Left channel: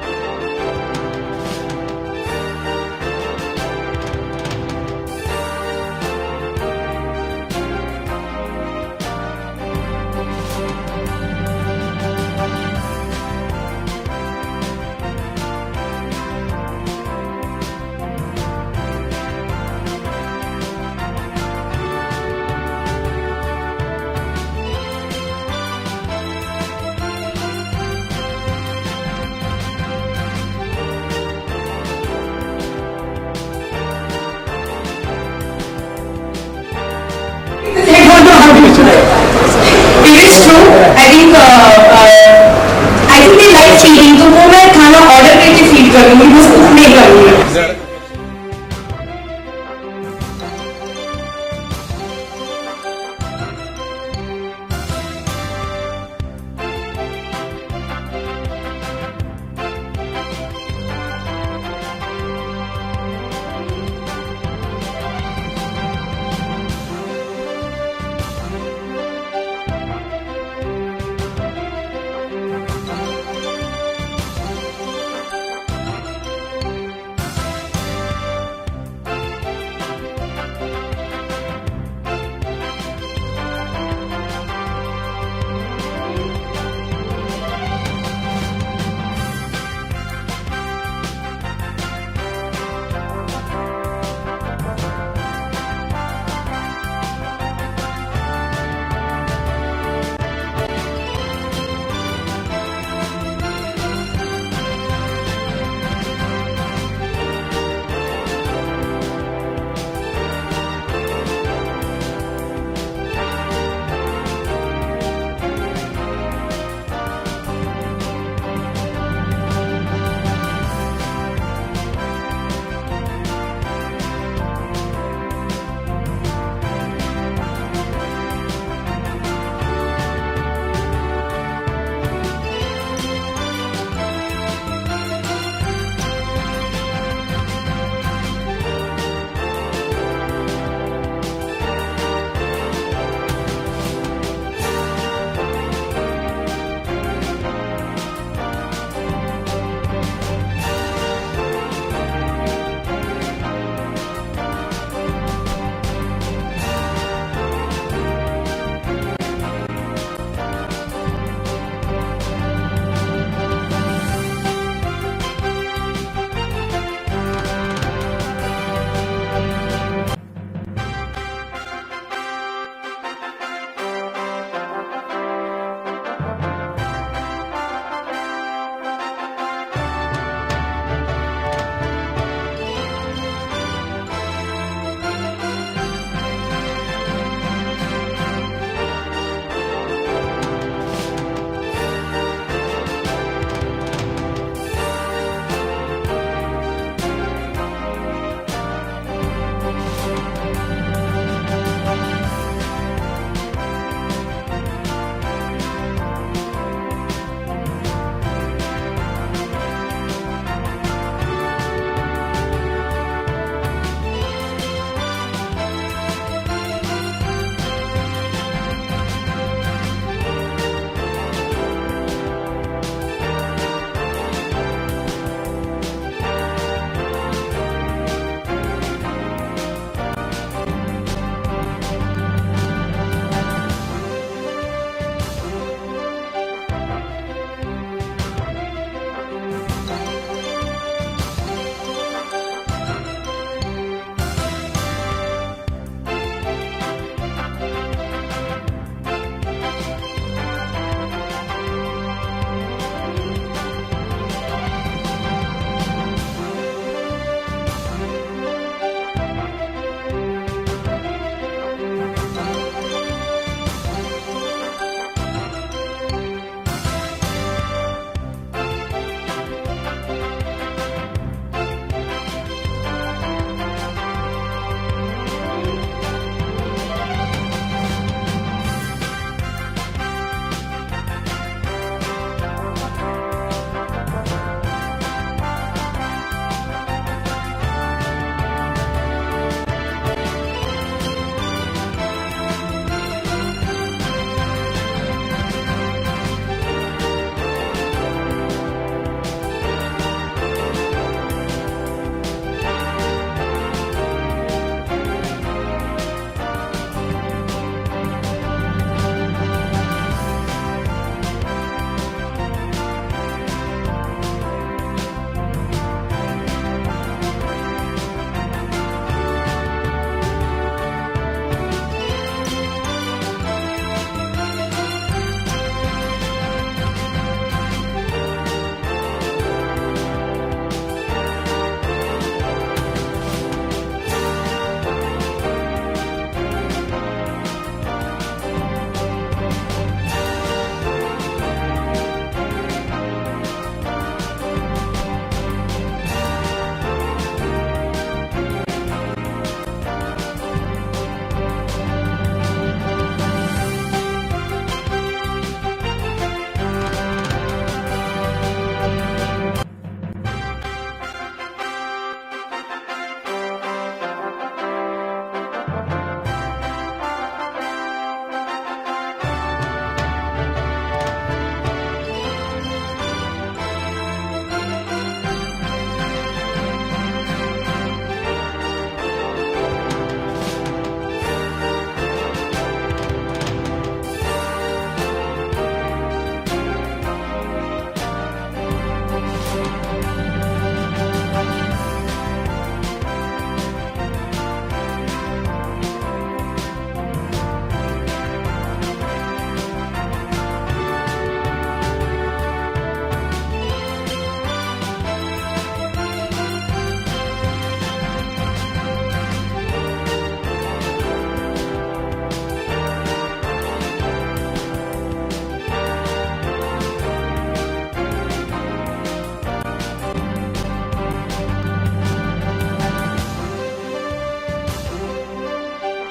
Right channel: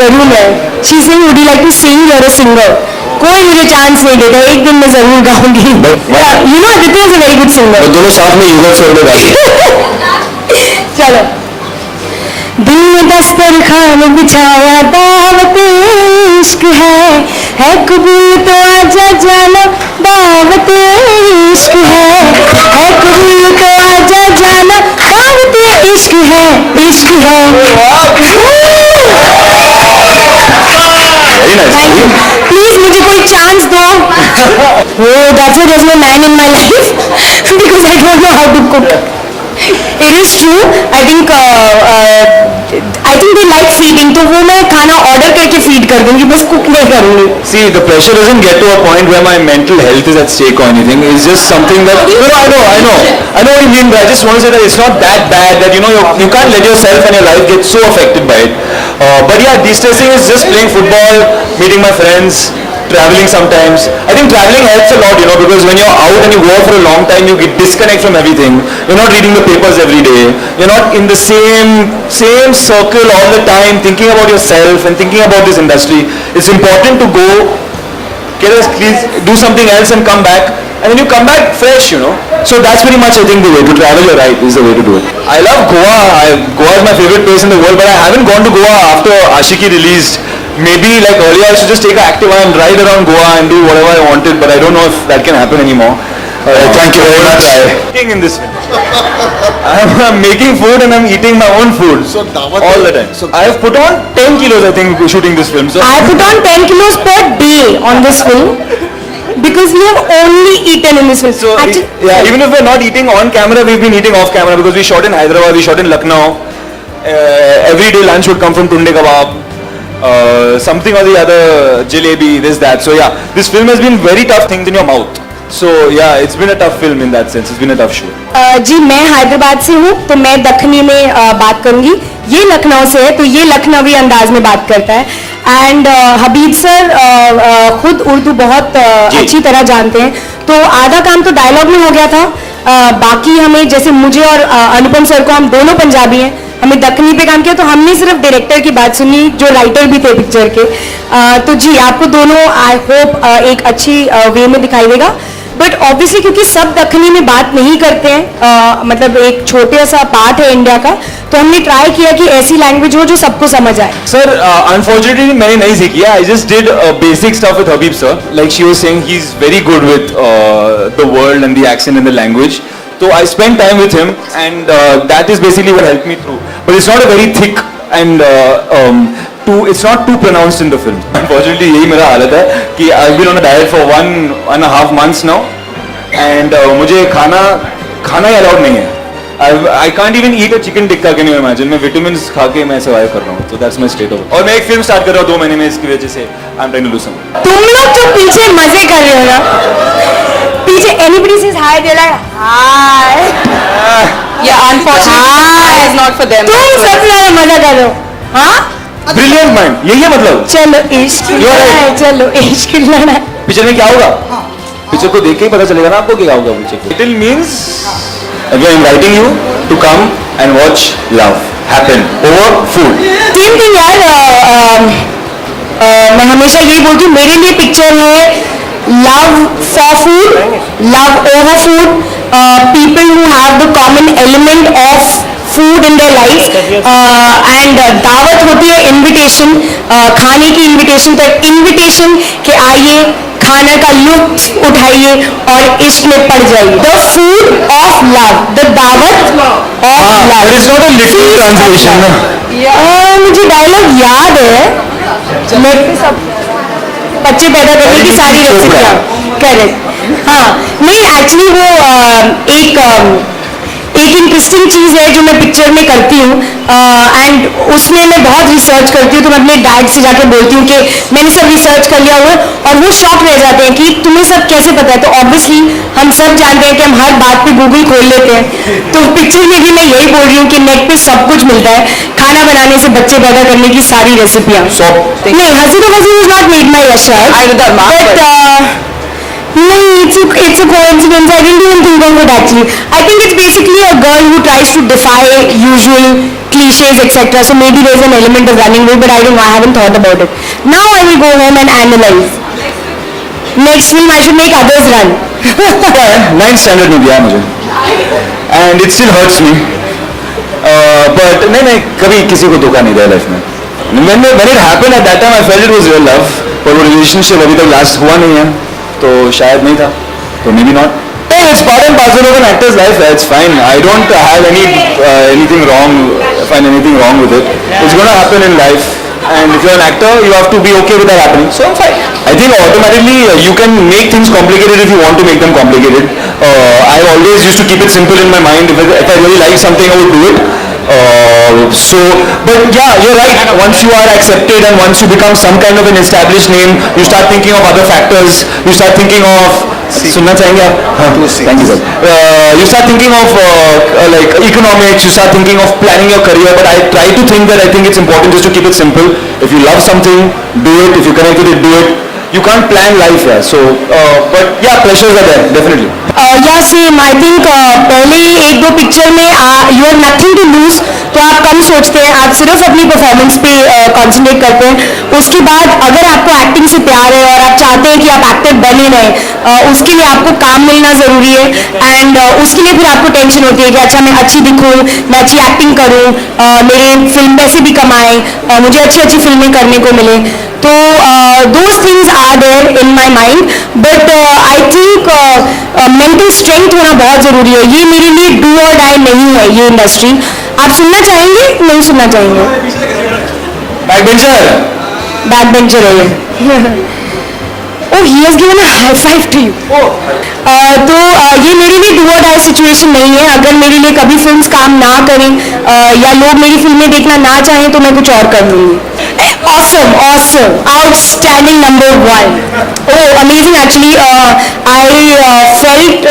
करूँ मैं? She's saying, would you like to sing? You're a singer. कोई मुझे चांस नहीं देता, एक दिन मैं जरूर गाऊंगी. You know Aditya is a very good singer. दोनों साथ में युगल स्वर में गाइए. चलो. दिल में दस्तरखान बिछाया दावत इश्क है कबूल तो आजा जाना दावत इश्क है कबूल तो आजा जाना दावत इश्क है. Very nice. प्लीज मुझे कोई चांस दो. Oh, that's why there's no man in my life because I don't know how to cook. It is true. I think they like feeding. तो वो मैं खाना ऑर्डर करके फीड कर दूंगी, बस कुक नहीं करूंगी. See, the pressure doesn't get to a point where my mental health is at stake or anything. It's just something that I know what you mean, but I just want to say that it's not that bad that you can't let yourself and your life get so affected by it. But yeah, de-stressing is just playing football, meeting my friends, traveling sometimes. I think traveling helps a lot, because when you're out and you go out for a long time, you get disconnect from everything. You're not reading the papers every day. You're not in the same circle all the time, thinking about yourself and thinking about this industry. It's important to go, do something else and come back. And then you come back fresh, So that's pretty much, I think, the way to travel. You're right, is the way to do it. I love Goa. Goa is my favorite place in the world, but I haven't gone to Goa after Ashiki released. Maybe like earlier I should just take an Activa and ride around Goa and do whatever I wanted, but I don't know if that can happen anymore. Thank you very much. Eating in this film. I'm making food and I'm eating my own food all the time. I have put on 10 kilos, I think, shooting this film. So I put on 10 kilos per day on this film because we have only eaten in this film. So even if we're not eating on camera, we've been eating off camera because we shot in Hyderabad, we shot in Lucknow. Every day lunch would come from Tunde Kebab. Something or the other, jalebi, this, that. So yeah, this film has been very tough things in your mouth. So yeah, it's been a tough film in that sense. It's been a tough shoot. जी मैं हैदराबाद से हूँ तो मैं दक्खनी में बात करूँगी. ये लखनऊ से है तो ये लखनवी अंदाज में बात करता है. एंड हबीब सर खुद उर्दू बहुत अच्छी तरह जानते हैं तो आधा काम तो डायलॉग में हो गया था. बाकी हमें जैसे मुझे और अनुपम सर को, हम दोनों पंजाबी हैं, हमें दक्खनी पे काम किया तो हमने सिर्फ डायरेक्टर की बात सुनी जो राइटर भी थे पिक्चर के. तो जी आपको दोनों आई होप एक अच्छी वे में दिखाई देगा. बट ऑब्वियसली क्योंकि सब दक्खनी में बात नहीं करते हैं, मतलब एक छोटे सा पार्ट है इंडिया का, तो हमने ट्राई किया कि ऐसी लैंग्वेज हो जो सबको समझ आए. Sir, unfortunately मैंने नहीं सीखी. I just did basic stuff with Habib sir. Like she was saying, he's very good with the world and the accent and the language. So I spent time with him and that is basically what helped me through. But it's not a very thick and it's not too pronounced in the film. Unfortunately यही मेरा हालत है कि I've been on a diet for 1.5 months now and मुझे खाना ही allowed नहीं है. I can't even eat a chicken tikka, can you imagine? मैं vitamins खा के मैं survive कर रहा हूँ. So that's my state of. और मैं एक film start कर रहा हूँ 2 महीने में, इसकी वजह से I'm trying to lose something. तुम लोग जो पीछे मजे कर रहे हो ना, पीछे anybody says hi, they're like hi. Yeah, unfortunately, it's not for them. तुम सब लोग मजा कर रहे हो, हाँ? Brilliant mind. यही है मतलब. चलो इश्क लड़ा, चलो इश्क लड़ा. पिक्चर में क्या होगा? पिक्चर को देख के ही पता चलेगा ना आपको क्या होगा picture. Title means we are inviting you to come and watch love happen over food. Same thing यार. मैं हमेशा यही बोलती हूँ, मेरे लिए पिक्चर है love for food, love over food, people who have the common element of food in their lives, and दावत होती है इनविटेशन, खाने की इनविटेशन, तो इनविटेशन के आइए, खाना का लुत्फ उठाइए और इश्क में पड़ जाइए. The food of love, the दावत of love. It is not a literal translation. मुझे डायलॉग याद है. बच्चे पैदा करने की सारी रेसिपियाँ. करेक्ट. हाँ नहीं एक्चुअली वो एक इंटरेस्टिंग चीज़ है जो मैं पिक्चर में करती हूँ एंड उसमें मैं बहुत रिसर्च करती हूँ. तो मैं अपने डैड से जाके बोलती हूँ कि मैंने सब रिसर्च कर लिया हुआ है और वो शॉक रह जाते हैं कि तुम्हें सब कैसे पता है. तो ऑब्वियसली हम सब जानते हैं कि हम हर बात पे गूगल खोल लेते हैं. तो पिक्चर में भी मैं यही बोल रही हूँ कि नेट पे सब कुछ मिलता है, खाना बनाने से बच्चे पैदा करने की सारी रेसिपियाँ. नहीं हसी तो वसी is not made my Yashraj, but नहीं, it's a coincidence. I didn't even think of it actually. I think it's basically a girl who tries to defy usual cliches, etc. So maybe there's an element of running away, but I don't know. I haven't thought about it. Now I will go home and analyze. Next film I should make others run. Yeah, 9th standard में दिया मुझे, and it still hurts me. But नहीं कभी किसी को धोखा नहीं दिया लाइफ में. When it happened at that time, I felt it was real love. पर वो relationship अभी तक last हुआ नहीं है, तो शायद नहीं था, तो maybe not. Hey, it's part and parcel of an actor's life. It's fine. I don't have anything wrong. Find anything wrong with it. It's gonna happen in life. And if you're an actor, you have to be okay with that happening. So I'm fine. I think automatically you can make things complicated if you want to make them complicated. I always used to keep it simple in my mind. If I really like something, I would do it. But yeah, you're right. Once you are accepted and once you become some kind of an established name, you start thinking of other factors. You start thinking of सुनना चाहेंगे आप? हाँ, thank you sir. You start thinking of like economics. You start thinking of planning your career. But I try to think that I think it's important just to keep it simple. If you love something, do it. If you connect with it, do it. You can't plan life, yeah. So, but yeah, pressures are there, definitely. Yeah, same. I think पहले एक दो picture में you have nothing to lose, तो आप कम सोचते हैं, आप सिर्फ अपनी परफॉर्मेंस पे कंसंट्रेट करते हैं. उसके बाद अगर आपको एक्टिंग से प्यार है और आप चाहते हैं कि आप एक्टर बने रहें, उसके लिए आपको काम मिलना ज़रूरी है. एंड उसके लिए फिर आपको टेंशन होती है कि अच्छा मैं अच्छी दिखूँ, मैं अच्छी एक्टिंग करूँ, मेरे फिल्म पैसे भी कमाएँ, मुझे अच्छी अच्छी फिल्में करने को मिले. तो those things are there in my mind, but I think mental strength होना बहुत ज़रूरी है. ये मेरे लिए do or die नहीं है ये इंडस्ट्री. आप सुनना चाहेंगे? नहीं सुनना चाहेंगे? Backbencher. Backbencher है ये. Oh, he has given a high five to you. तो ये मेरे लिए do or die situation नहीं है. अगर मेरे लिए कभी फिल्म्स काम ना करें या लोग मेरी फिल्में देखना ना चाहें तो मैं कुछ और कर लूँगी. Awesome, outstanding, number one. Oh, amazing actually. I felt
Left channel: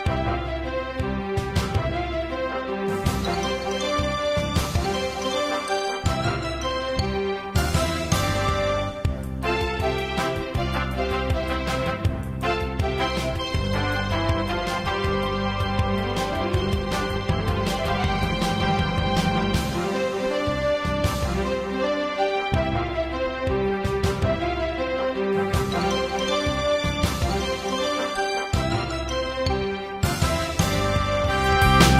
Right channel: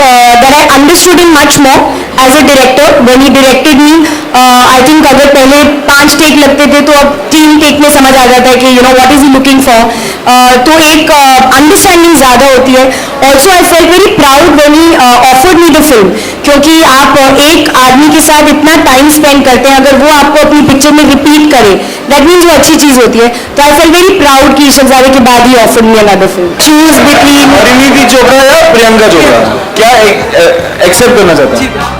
that I understood him much more as a director when he directed me. I think अगर पहले 5 टेक लगते थे तो अब 3 टेक में समझ आ जाता है कि you know what is he looking for. तो एक अंडरस्टैंडिंग ज़्यादा होती है. Also I felt very proud when he offered me the film, क्योंकि आप एक आदमी के साथ इतना टाइम स्पेंड करते हैं, अगर वो आपको अपनी पिक्चर में रिपीट करे दैट मीन्स वो अच्छी चीज़ होती है. तो आई फेल्ट वेरी प्राउड कि शहजादे के बाद ही offered me another film. Choose between Parineeti Chopra या प्रियंका चोपड़ा, क्या एक्सेप्ट करना चाहता हूँ?